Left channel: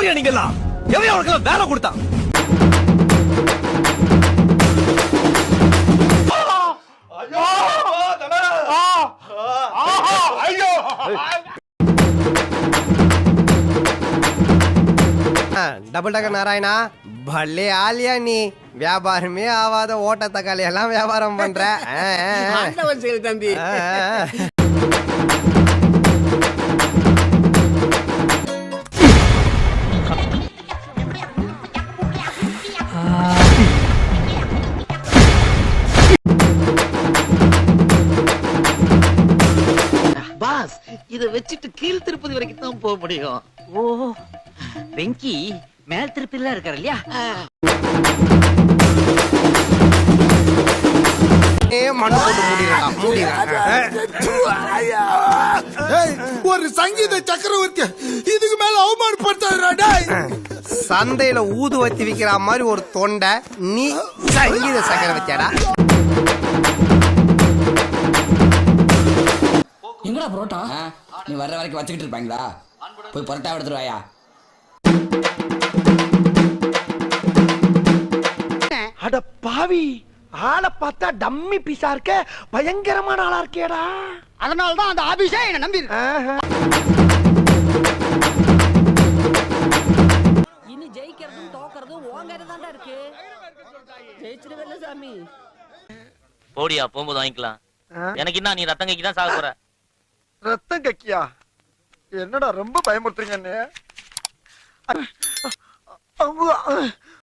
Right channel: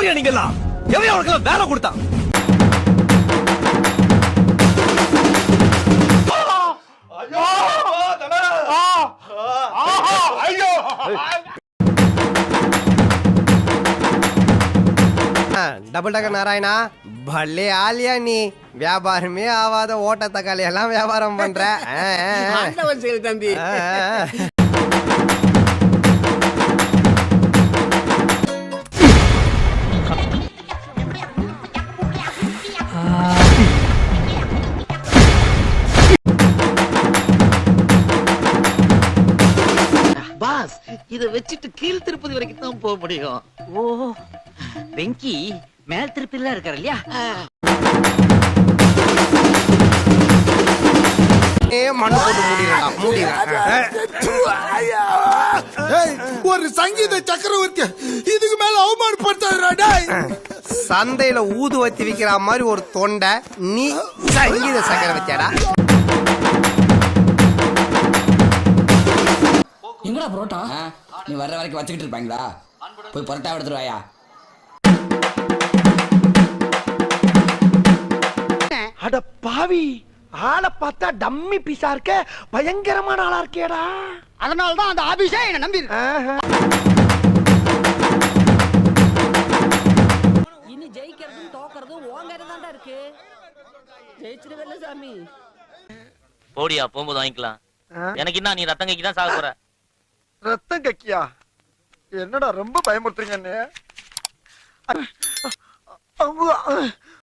ரவுடியா நீங்கலாம்? எவன் அவனுக்கு வேலை கொடுத்தான்? டபுள் டக்கர் நாராயணா, பல்லே ஆலியா நீ. வியாபாரமே ஆவாத ஓட்ட தக்காளி எல்லாம் வியாபாரம் பண்ற. தம்பி பாஸ், இத வச்சிட்டு கீழ் திருப்பதி வரைக்கும் தான் போக முடியும். ஓ வெங்கி மேல் திருப்பில இருக்காரு இல்லையா? ஒரு சங்கீத சக்கரவர்த்தி இதுக்கு மேல அவமானப்படுத்தாதடா. சந்தையில ஊதுவத்தி விக்கிற மாதிரி ஒரு தொண்டை, நீ சங்கீத சக்கரவர்த்தியாடா? எங்கடா புரோட்டா? நீ வர்ற வரைக்கும் வச்சுக்கிட்டு இருப்பாங்களா? போய் பரோட்டா எடுத்துருவாயா? அட பாவி, ஆளை பார்த்தா டம்மி பீஸா இருக்க, பயங்கரமான ஆளா இருக்கேடா. அதனாலதான் அந்த ஆபீஸே என்ன நம்பி. இனி ஜெயிக்கிறதும் தோக்கறதும் ஓங்கற தான்டா இருக்கு. ஜெயிச்சிடுவல்ல சாமி. போடியா, போகும்போது வாங்கிக்கலாம். எனக்கு என்ன, நீ ரத்தம் கக்கி தான் சாக போற. ரத்தம் கக்கியா? என்னடா ரொம்ப பயமுறுத்துறீங்க.